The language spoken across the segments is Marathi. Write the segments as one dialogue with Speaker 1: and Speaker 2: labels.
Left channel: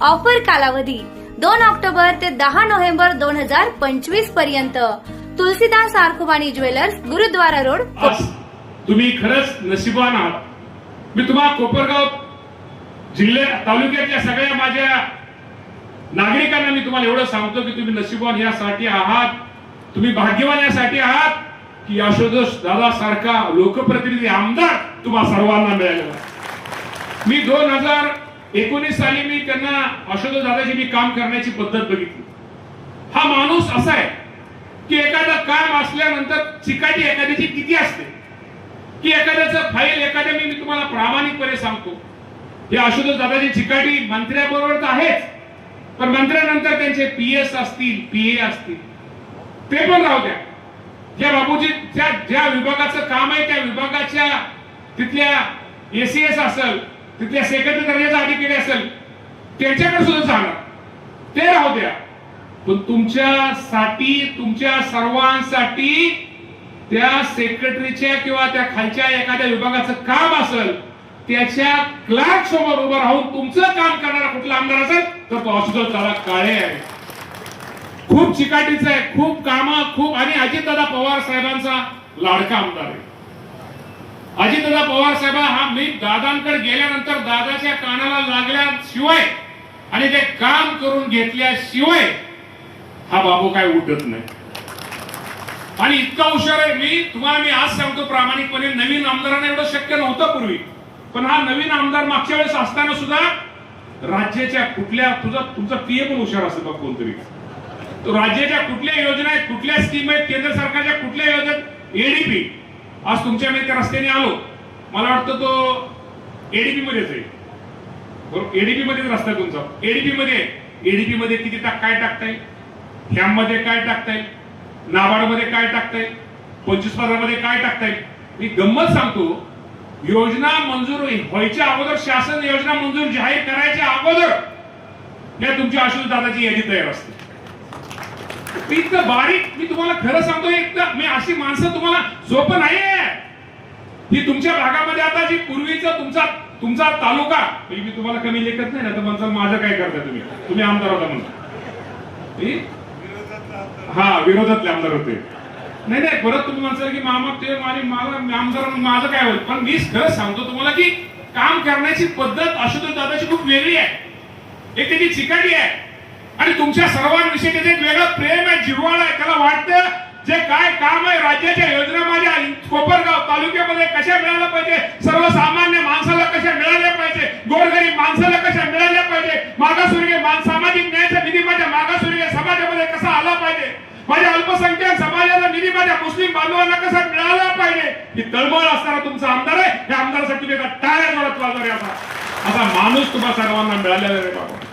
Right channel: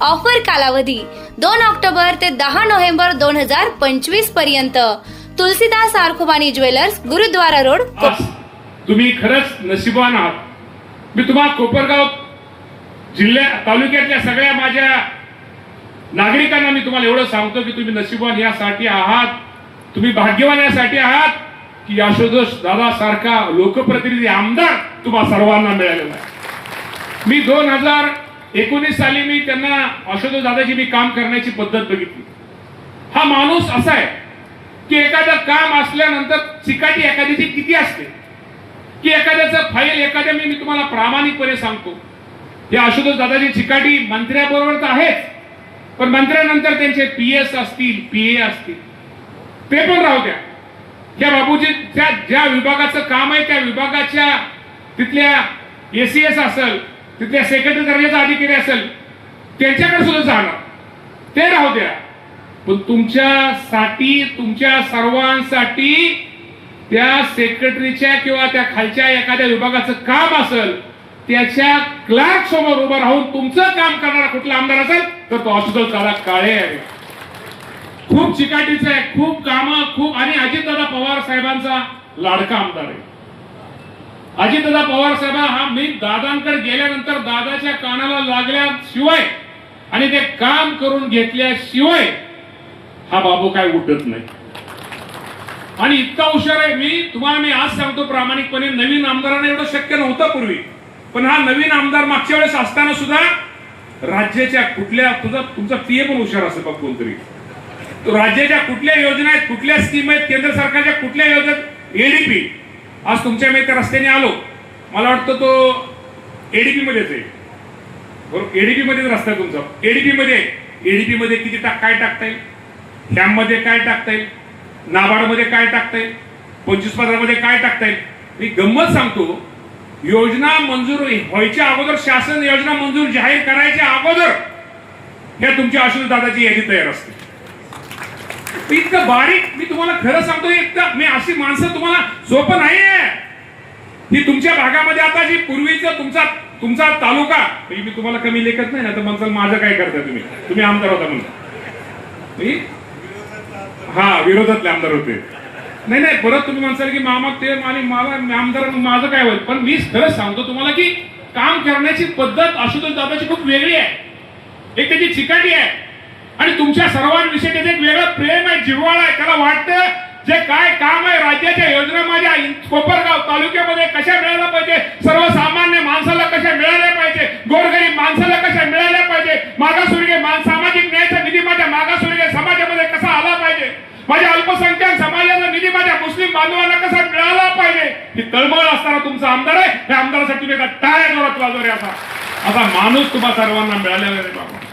Speaker 1: ऑफर कालावधी दोन ऑक्टोबर ते दहा नोव्हेंबर दोन हजार पंचवीसपर्यंत. तुलसीदास आरखुबानी ज्वेलर्स गुरुद्वारा रोड
Speaker 2: तुम्ही खरंच नशिबान आहात. मी तुम्हाला कोपरगाव जिल्ह्या तालुक्यातल्या सगळ्या माझ्या नागरिकांना मी तुम्हाला एवढं सांगतो की तुम्ही नशिबान यासाठी आहात. तुम्ही भाग्यवान यासाठी आहात की यशोदोष दादा सारखा लोकप्रतिनिधी आमदार तुम्हाला सर्वांना मिळालेला मी दोन हजार एकोणीस साली मी त्यांना आशुतोष दादाची मी काम करण्याची पद्धत बघितली. हा माणूस असा आहे की एखादं काम असल्यानंतर चिकाटी एखाद्याची किती असते? की एखाद्याचं फाईल एखाद्या मी मी तुम्हाला प्रामाणिकपणे सांगतो. या आशुतोष दादाची चिकाटी मंत्र्याबरोबर तर आहेच. पण मंत्र्यानंतर त्यांचे पी एस असतील पी ए असतील. ते पण राहू द्या. या बाबूजी त्या ज्या विभागाचं काम आहे त्या विभागाच्या तिथल्या एसीएस असेल तिथल्या सेक्रेटरी दर्जाचा अधिकारी असेल त्यांच्याकडे सुद्धा जाणार. ते राहू द्या. पण तुमच्यासाठी तुमच्या सर्वांसाठी त्या सेक्रेटरीच्या किंवा त्या खालच्या एखाद्या विभागाचं काम असेल त्याच्या क्लार्क समोर उभं राहून तुमचं काम करणारा कुठला आमदार असेल तर तो आशुतोष चाला काळे आहे. खूप चिकाटीचं आहे खूप काम खूप आणि अजितदादा पवार साहेबांचा लाडका आमदार आहे. अजितदा पवार साहेब हा मी दादांकडे गेल्यानंतर दादाच्या कानाला लागल्याशिवाय आणि ते काम करून घेतल्याशिवाय हा बाबू काय उठत नाही. आणि इतका हुशार आहे मी तुम्हाला मी आज सांगतो प्रामाणिकपणे नवीन आमदारांना एवढं शक्य नव्हतं पूर्वी. पण हा नवीन आमदार मागच्या वेळेस असताना सुद्धा राज्याच्या कुठल्या तुझा तुमचा पीए पण हुशार असेल बघ कोणतरी. राज्याच्या कुठल्या योजना आहेत कुठल्या स्कीम आहेत केंद्र सरकारच्या कुठल्या योजनेत एडीपी आज तुमच्या मी त्या रस्त्याने आलो. मला वाटतं तो एडीपी मध्येच आहे. बरोबर एडीपी मध्येच रस्ता आहे तुमचा. एडीपी मध्ये एडीपी मध्ये किती टाक काय टाकता येईल ह्याम काय टाकता येईल नाबार्डमध्ये काय टाकता येईल पंचवीस पदामध्ये काय टाकता येईल मी गंमत सांगतो योजना मंजूर व्हायच्या अगोदर शासन योजना मंजूर जाहीर करायच्या अगोदर या तुमच्या आशुष दादाची यादी तयार असते. इतकं बारीक मी तुम्हाला खरं सांगतो इतकं मी अशी माणसं तुम्हाला सोपं नाहीये. ही तुमच्या भागामध्ये आता जी पूर्वीचं तुमचा तुमचा तालुका मी तुम्हाला कमी लेखत नाही ना तर म्हणसाल माझं काय करता तुम्ही? तुम्ही आमदार होता म्हणून. हा विरोधातले आमदार होते. नाही नाही परत तुम्ही म्हणसाल की मामा ते आणि मला मी आमदार माझं काय होईल पण मी खरंच सांगतो तुम्हाला की काम करण्याची पद्धत आशुतोष दादाची खूप वेगळी आहे. एक त्याची चिकाटी आहे. आणि तुमच्या सर्वांविषयी त्याचं एक वेगळं प्रेम आहे जिव्हाळा आहे. त्याला वाटतं जे काय काम आहे राज्याच्या योजना माझ्या कोपरगाव तालुक्यामध्ये कशा मिळाल्या पाहिजे? सर्वसामान्य माणसाला कशा मिळाल्या पाहिजे? गोरगरीब माणसाला कशा मिळाल्या पाहिजे? मागासवर्गीय सामाजिक न्यायाचा निधी माझ्या मागासवर्गीय समाजामध्ये कसा आला पाहिजे? माझ्या अल्पसंख्याक समाजाचा निधी माझ्या मुस्लिम बांधवांना कसा मिळाला पाहिजे? ही तळमळ असणारा तुमचा आमदार आहे. त्या आमदारासाठी तुम्ही एका टाळ्या जोरात वाजवले असा असा माणूस तुम्हाला सर्वांना मिळालेला आहे बाबा.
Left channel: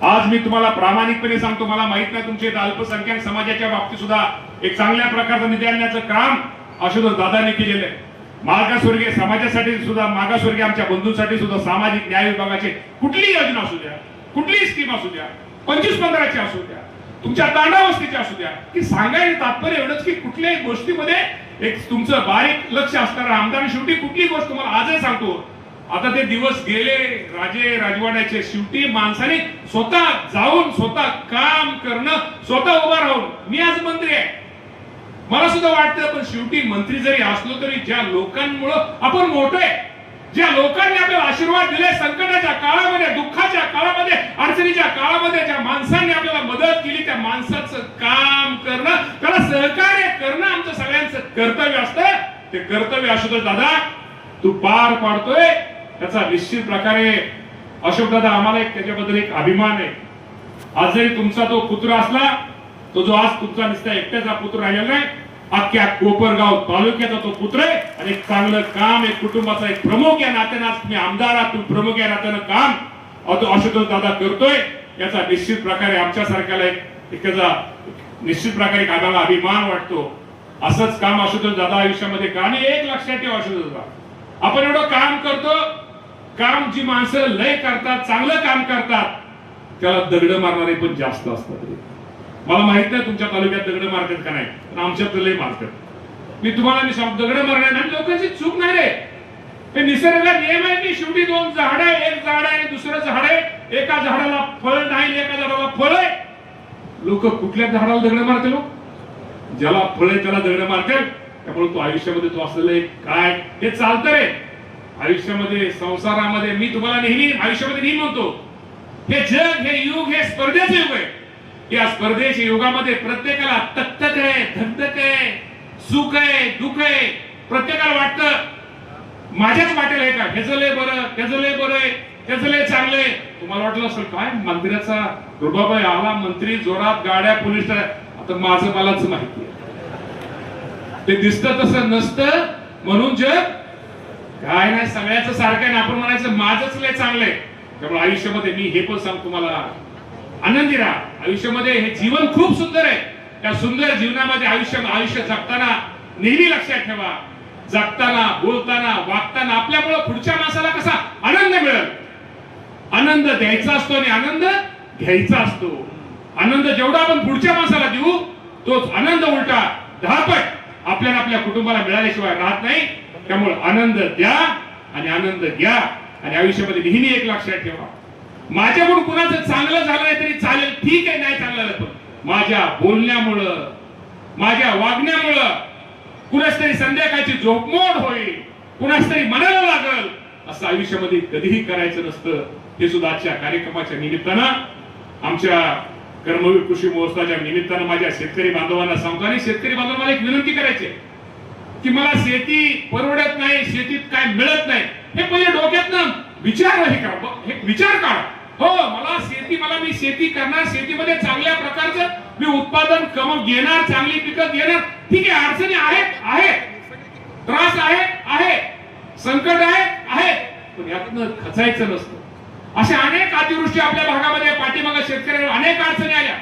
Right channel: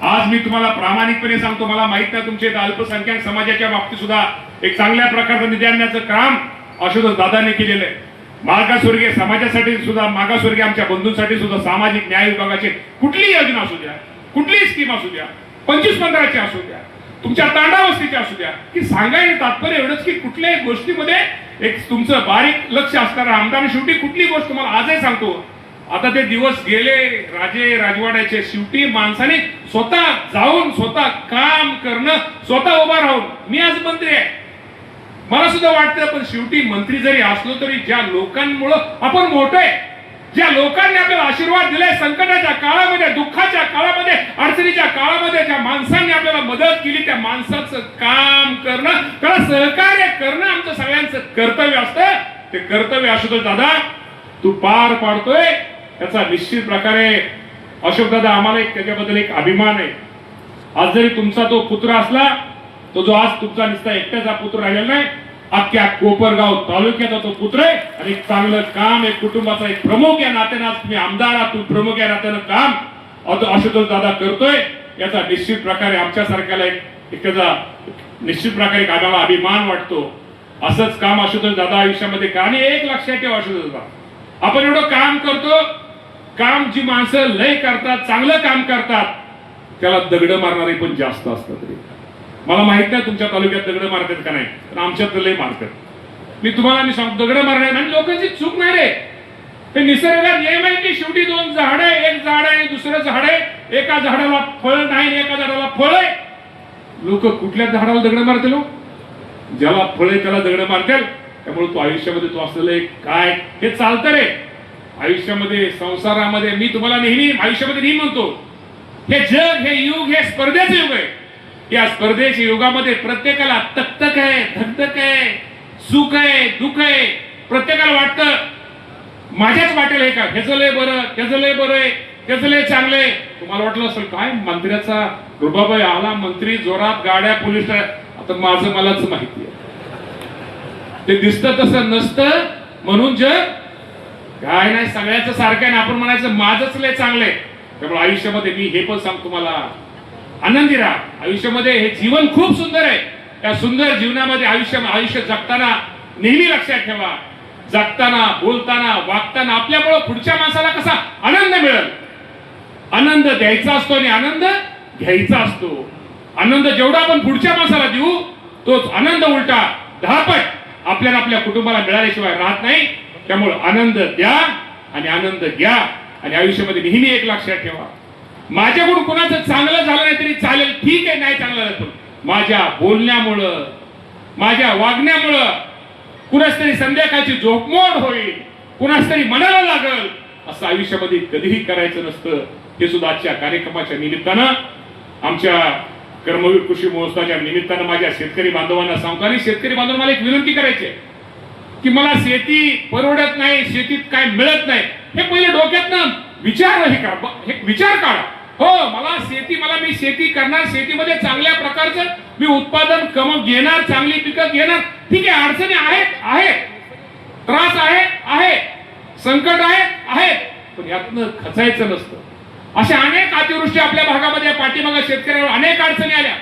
Speaker 2: आज मी तुम्हाला प्रामाणिकपणे सांगतो मला माहीत नाही तुमचे अल्पसंख्याक समाजाच्या बाबतीत सुद्धा एक चांगल्या प्रकारचं निधी आणण्याचं काम आशुतोष दादाने केलेलं आहे. मागासवर्गीय समाजासाठी सुद्धा मागासवर्गीय आमच्या बंधूंसाठी सुद्धा सामाजिक न्याय विभागाचे कुठलीही योजना असू द्या कुठलीही स्कीम असू द्या पंचवीस पंधराची असू द्या तुमच्या तांडावस्तीची असू द्या की सांगायला तात्पर्य एवढंच की कुठल्याही गोष्टीमध्ये एक तुमचं बारीक लक्ष असणारा आमदार शेवटी कुठलीही गोष्ट तुम्हाला आजही सांगतो. आता ते दिवस गेले राजे राजवाड्याचे शेवटी माणसाने स्वतः जाऊन स्वतः काम करणं स्वतः उभा राहून. मी आज मंत्री आहे. मला सुद्धा वाटतं पण शेवटी मंत्री जरी असलो तरी ज्या लोकांमुळं आपण मोठे ज्या लोकांनी आपल्याला आशीर्वाद दिलाय संकटाच्या काळामध्ये दुःखाच्या काळामध्ये अडचणीच्या काळामध्ये ज्या माणसांनी आपल्याला मदत केली त्या माणसाचं काम करणं त्याला सहकार्य करणं आमचं सगळ्यांचं कर्तव्य असतं. ते कर्तव्य असतं दादा तू पार पाडतोय. त्याचा निश्चित प्रकारे अशोक दादा आम्हाला एक त्याच्याबद्दल एक अभिमान आहे. आज जरी तुमचा तो पुत्र असला तो जो आज तुमचा निसता एकट्याचा पुत्र राहिलेला नाही अख्ख्या कोपरगाव तालुक्याचा तो पुत्र आहे आणि एक चांगलं काम एक कुटुंबाचा एक प्रमुख या नात्यानं आज तुम्ही आमदार आहात तुम्ही प्रमुख या नात्यानं काम अशोक दादा करतोय. याचा निश्चित प्रकारे आमच्यासारख्याला एक एक त्याचा निश्चित प्रकारे कामाला अभिमान वाटतो. असंच काम आशुतोष दादा आयुष्यामध्ये का आणि एक लक्षात ठेवा आशुतोष दादा. आपण एवढं काम करतो काम जी माणसं लय करतात चांगलं काम करतात. त्याला दगड मारणारे पण जास्त असतात रे. मला माहीत नाही तुमच्या तालुक्यात दगड मारतात का नाही पण आमच्यात लय मारतात. मी तुम्हाला मी सांग दगड मारणार आणि लोकांची चूक नाही रे. हे निसर्गात नियम आहे की शेवटी दोन झाड आहे एक झाड आहे आणि दुसरं झाड आहे एका झाडाला फळ नाही एका झाडाला फळ आहे. लोक कुठल्या झाडाला दगड मारते लोक हो? ज्याला फळ आहे त्याला दगड मारतात त्यामुळे तो आयुष्यामध्ये तो असलेलं एक काय हे चालतं रे. आयुष्यामध्ये संसारामध्ये मी तुम्हाला नेहमी आयुष्यामध्ये नेहमी म्हणतो हे जग हे युग हे स्पर्धेचे युग आहे. या स्पर्धेच्या युगामध्ये प्रत्येकाला तक्तक आहे धकधक आहे सुख आहे दुःख आहे. प्रत्येकाला वाटतं माझ्याच वाटेल हे का? ह्याचं लय बरं त्याचं लय बरं आहे त्याचं लय चांगलंय तुम्हाला वाटलं असेल काय मंत्र्याचा रुबाबाई आला मंत्री जोरात गाड्या पोलीस आता माझं मलाच माहिती आहे. ते दिसतं तसं नसतं म्हणून जग काय नाही सगळ्याचं सारखं आहे आपण म्हणायचं माझंच लय चांगलंय त्यामुळे आयुष्यामध्ये मी हे पण सांगतो तुम्हाला. आनंदी राहा आयुष्यामध्ये हे जीवन खूप सुंदर आहे. त्या सुंदर जीवनामध्ये आयुष्य आयुष्य जगताना नेहमी लक्षात ठेवा. जगताना बोलताना वागताना आपल्यामुळे पुढच्या माणसाला कसा आनंद मिळेल? आनंद द्यायचा असतो आणि आनंद घ्यायचा असतो. आनंद जेवढा आपण पुढच्या माणसाला देऊ तोच आनंद उलटा दहापट आपल्याला आपल्या कुटुंबाला मिळाल्याशिवाय राहत नाही. त्यामुळे आनंद द्या आणि आनंद घ्या. आणि आयुष्यामध्ये नेहमी एक लक्षात ठेवा. माझ्याकडून कुणाचं चांगलं झालं नाही तरी चालेल ठीक आहे नाही चांगलं राहतो पण माझ्या बोलण्यामुळं माझ्या वागण्यामुळं कुणास तरी संध्याकाळची झोपमोड होईल कुणास तरी मनाला लागल असं आयुष्यामध्ये कधीही करायचं नसतं. हे सुद्धा आजच्या कार्यक्रमाच्या निमित्तानं आमच्या कर्मवीर कृषी महोत्सवाच्या निमित्तानं माझ्या शेतकरी बांधवांना सांगतो आणि शेतकरी बांधवांना मला एक विनंती करायची आहे. की मला शेती परवडत नाही शेतीत काय मिळत नाही. हे पहिले डोक्यातनं विचार हे का हे विचार काढा. हो मला शेती मला मी शेती करणार शेतीमध्ये चांगल्या प्रकारचं मी उत्पादन कम घेणार चांगली पिकं घेणार. ठीक आहे अडचणी आहेत आहेत. त्रास आहे आहे. संकट आहे आहे. पण यातनं खचायचं नसतं. अशा अनेक अतिवृष्टी आपल्या भागामध्ये पाठीमागे शेतकऱ्यावर अनेक अडचणी आल्या.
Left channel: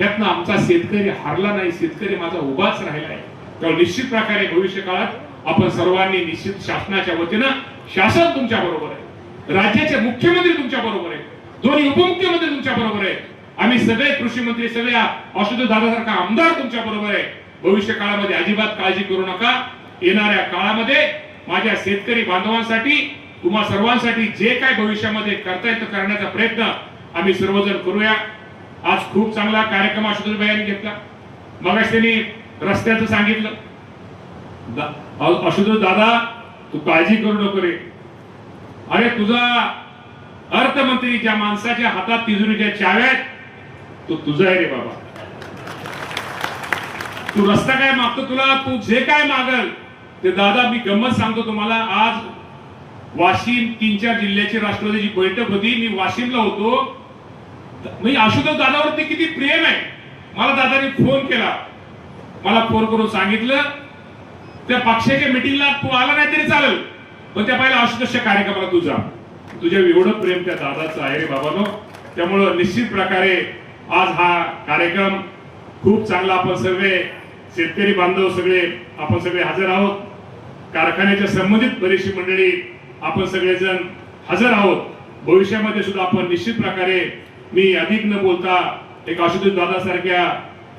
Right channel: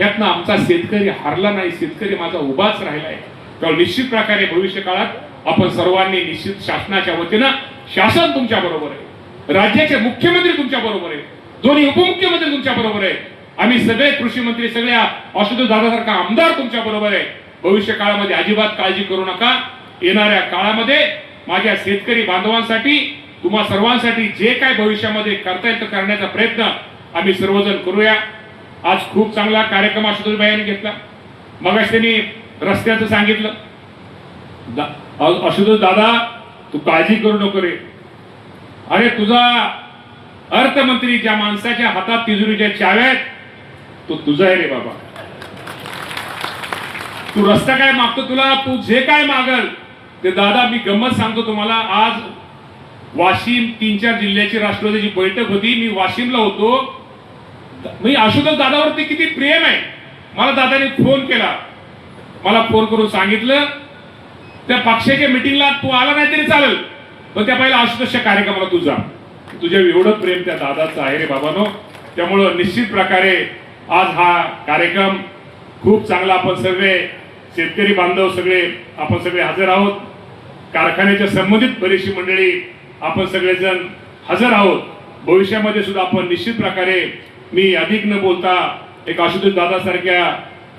Speaker 2: यातनं आमचा शेतकरी हारला नाही शेतकरी माझा उभाच राहिलाय. तेव्हा निश्चित प्रकारे भविष्य काळात आपण सर्वांनी निश्चित शासनाच्या वतीनं शासन तुमच्या बरोबर आहे राज्याचे मुख्यमंत्री तुमच्या बरोबर आहे दोन्ही उपमुख्यमंत्री तुमच्या बरोबर आहे आम्ही सगळे कृषी मंत्री सगळ्या आशुतोष दादासारखा आमदार तुमच्या बरोबर आहे. भविष्य काळामध्ये अजिबात काळजी करू नका. येणाऱ्या काळामध्ये माझ्या शेतकरी बांधवांसाठी तुम्हा सर्वांसाठी जे काय भविष्यामध्ये करता येतं करण्याचा प्रयत्न आम्ही सर्वजण करूया. आज खूप चांगला कार्यक्रम आशुतोष भाईंनी घेतला. मग त्यांनी रस्त्याचं सांगितलं. दा- दादा तू काळजी करू नको रे. अरे तुझा अर्थमंत्री ज्या माणसाच्या हातात तिजोरीच्या चाव्या आहेत तो तुझा आहे रे बाबा. तू रस्ता काय मागतो तुला? तू जे काय मागल ते दादा मी गंमत सांगतो तुम्हाला. आज वाशिम तीन चार जिल्ह्याची राष्ट्रवादीची बैठक होती मी वाशिमला होतो. मी आशुतोष दादावरती किती प्रेम आहे. मला दादाने फोन केला. मला फोन करून सांगितलं त्या पक्षाच्या मिटिंगला तू आला नाही तरी चालेल. पण त्या पहिला आशुतोषच्या कार्यक्रमाला तू जा. तुझ्या एवढं प्रेम त्या दादाचं आहे रे बाबानो. त्यामुळं निश्चित प्रकारे आज हा कार्यक्रम खूप चांगला आपण सगळे शेतकरी बांधव सगळे आपण सगळे हजर आहोत. कारखान्याच्या संबंधित बरीचशी मंडळी आपण सगळेजण हजर आहोत. भविष्यामध्ये सुद्धा आपण निश्चित प्रकारे मी अधिक न बोलता एक आशुतोष दादासारख्या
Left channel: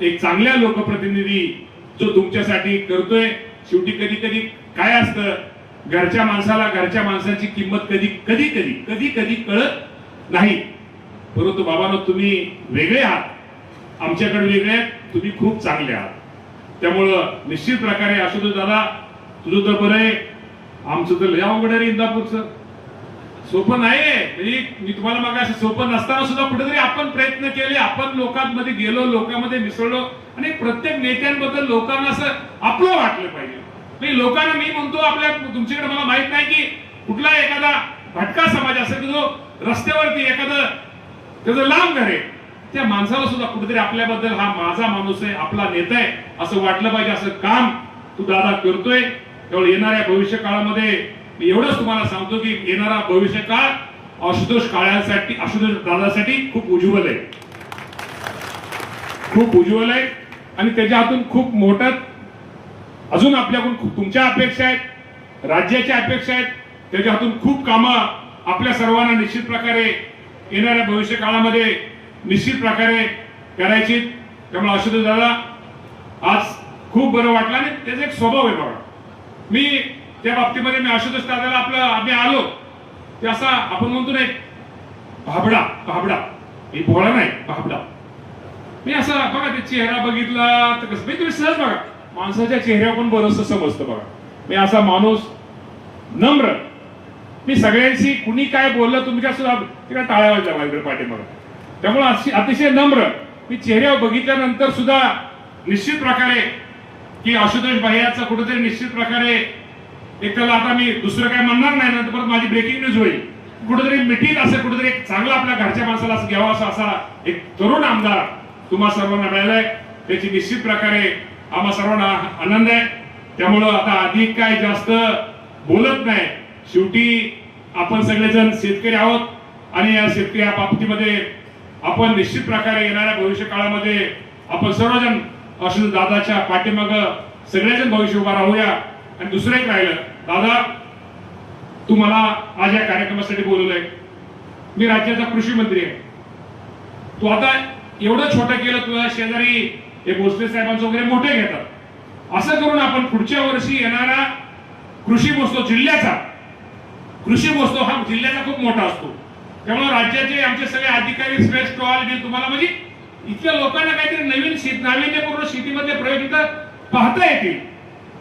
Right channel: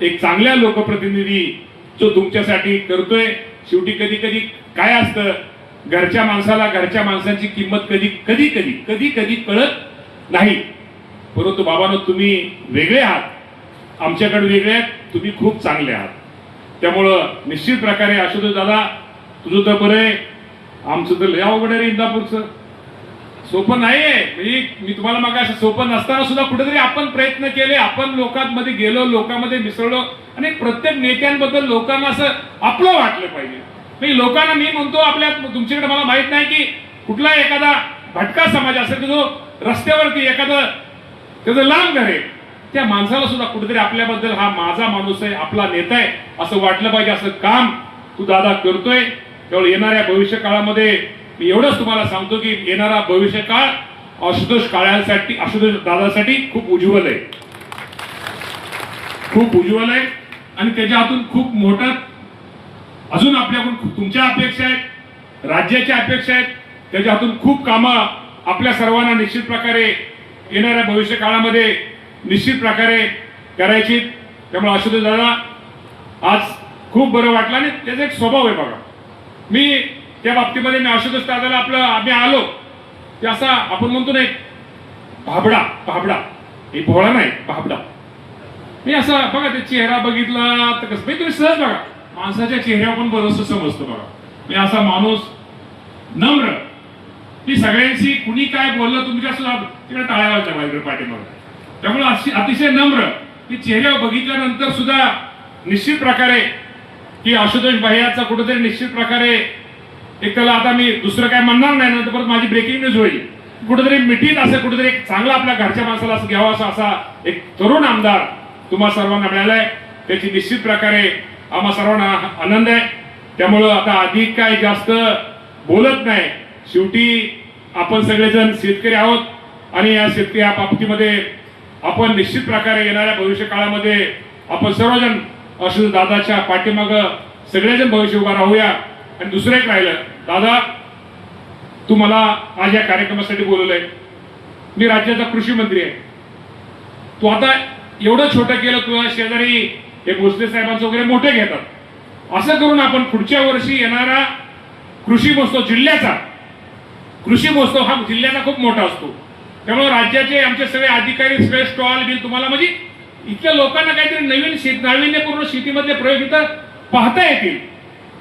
Speaker 2: एक चांगल्या लोकप्रतिनिधी जो तुमच्यासाठी करतोय. शेवटी कधी कधी काय असतं? घरच्या माणसाला घरच्या माणसाची किंमत कधी कधी कधी कधी कधी कळत नाही. परंतु बाबांनो तुम्ही वेगळे आहात. आमच्याकडे वेगळे आहेत. तुम्ही खूप चांगले आहात. त्यामुळं निश्चित प्रकारे आशुतोष दादा तुझं तर बरं आहे. आमचं तर लय अवघड आहे इंदापूरचं. सोपं नाहीये. मी मी तुम्हाला मग असं सोपं नसताना सुद्धा कुठेतरी आपण प्रयत्न केले. आपण लोकांमध्ये गेलो लोकांमध्ये मिसळलो. आणि प्रत्येक नेत्यांबद्दल लोकांना असं आपलं वाटलं पाहिजे. मी लोकांना मी म्हणतो आपल्या तुमच्याकडे मला माहीत नाही की कुठला एखादा भटका समाज असेल की जो रस्त्यावरती एखादं त्याचं लांब घर आहे. त्या माणसाला सुद्धा कुठेतरी आपल्याबद्दल हा माझा माणूस आहे आपला नेता आहे असं वाटलं पाहिजे असं काम तू दादा करतोय. त्यामुळे येणाऱ्या भविष्य काळामध्ये मी एवढंच तुम्हाला सांगतो की येणारा भविष्य काळ आशुतोष काळासाठी आशुतोष दादासाठी खूप उज्ज्वल आहे. खूप उज्ज्वल आहे आणि त्याच्या हातून खूप मोठं अजून आपल्याकडून खूप- तुमच्या अपेक्षा आहेत राज्याच्या अपेक्षा आहेत त्याच्या हातून खूप कामं आपल्या सर्वांना निश्चित प्रकारे येणाऱ्या भविष्य काळामध्ये निश्चित प्रकारे करायची. त्यामुळे आशुतोष दादा आज खूप बरं वाटलं आणि त्याचा एक स्वभाव आहे बघा. मी त्या बाबतीमध्ये मी आशुतोष दादाला आपलं आम्ही आलो. ते असा आपण म्हणतो ना एक भाबडा भाबडा. हे भोळा नाही भाबडा. मी असं बघा ते चेहरा बघितला तर कसं म्हणजे तुम्ही सहज बघा. माणसाच्या चेहऱ्यावर पण बरंच समजतो बघा. मी असा माणूस नम्र. मी सगळ्यांशी कुणी काय बोललं तुमच्या सुद्धा तिकडे टाळावं लागला इकडे पाठीमागे. त्यामुळे अतिशय नम्र. मी चेहऱ्यावर बघितल्यानंतर सुद्धा निश्चित प्रकारे की आशुतोष भैयाचा कुठेतरी निश्चित प्रकारे एक त्याला आता मी दुसरं काय म्हणणार नाही नंतर परत माझी ब्रेकिंग न्यूज होईल. कुठेतरी मिठीत असं कुठेतरी एक चांगला आपल्या घरच्या माणसाला असं घ्यावा असा असा एक तरुण आमदार तुम्हा सर्वांना मिळालाय. त्याची निश्चित प्रकारे आम्हा सर्वांना आनंद आहे. त्यामुळं आता अधिक काय जास्त बोलत नाही. शेवटी आपण सगळेजण शेतकरी आहोत आणि या शेतकरी या बाबतीमध्ये आपण निश्चित प्रकारे येणाऱ्या भविष्य काळामध्ये आपण सर्वजण असू दादाच्या पाठीमाग सगळेजण भविष्य उभा राहूया. आणि दुसरं एक राहिलं. दादा तू मला आज या कार्यक्रमासाठी बोलवलंय. मी राज्याचा कृषी मंत्री आहे. तू आता एवढं छोटं केलं तुझ्या शेजारी हे भोसले साहेबांचं वगैरे मोठे घेतात. असं करून आपण पुढच्या वर्षी येणारा कृषी महोत्सव जिल्ह्याचा कृषी महोत्सव हा जिल्ह्याचा खूप मोठा असतो. त्यामुळे राज्याचे आमचे सगळे अधिकारी सगळे स्टॉल मी तुम्हाला म्हणजे इथल्या लोकांना काहीतरी नवीन शेत नाविन्यपूर्ण शेतीमधले प्रयोग इथं पाहता येतील.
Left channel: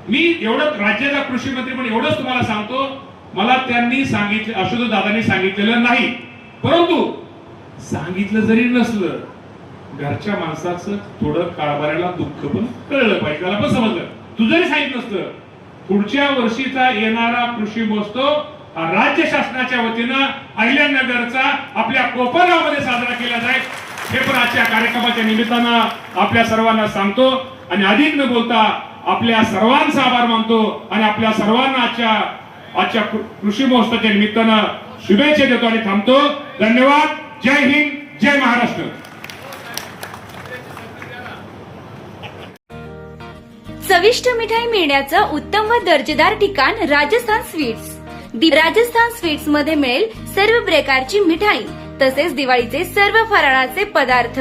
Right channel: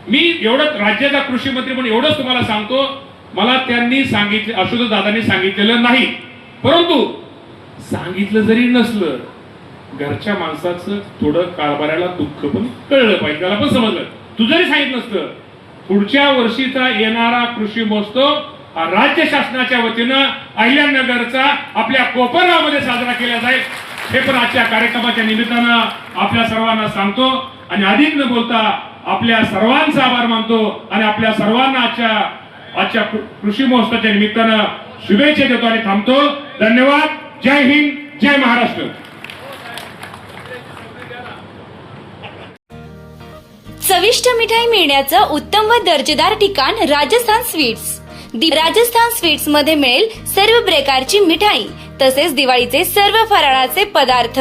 Speaker 2: मी एवढं राज्याचा कृषी मंत्री म्हणून एवढंच तुम्हाला सांगतो मला त्यांनी सांगितलं आशुतोष दादांनी सांगितलेलं नाही. परंतु सांगितलं जरी नसलं घरच्या माणसाचं थोडं कारभाराला दुःख पण कळलं पाहिजे. त्याला पण समजलं. तू जरी सांगितलं नसतं पुढच्या वर्षीचा येणारा कृषी महोत्सव राज्य शासनाच्या वतीनं अहिल्यानगरचा आपल्या कोपरगावमध्ये साजरा केला जाईल. हे पण आजच्या कार्यक्रमाच्या निमित्तानं आपल्या सर्वांना सांगतो. आणि अधिक न बोलता आपल्या सर्वांचा आभार मानतो आणि आपल्या सर्वांना आजच्या आजच्या कृषी महोत्सवाच्या निमित्तानं शुभेच्छा देतो आणि थांबतो. धन्यवाद. जय हिंद. जय महाराष्ट्र.
Speaker 1: चविष्ट मिठाई मिळण्याचं उत्तम व दर्जेदार ठिकाण राजस्थान स्वीट्स. दि- राजस्थान स्वीट्समध्ये मिळेल सर्व प्रकारची मिठाई तसेच दिवाळीचे सर्व फराळाचे पदार्थ.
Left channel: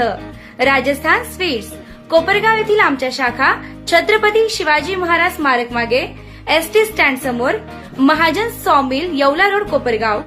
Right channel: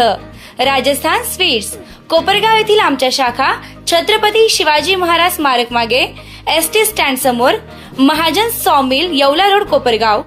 Speaker 1: राजस्थान स्वीट्स कोपरगाव येथील आमच्या शाखा छत्रपती शिवाजी महाराज स्मारक मागे एस टी स्टँड समोर महाजन सॉमिल येवला रोड कोपरगाव.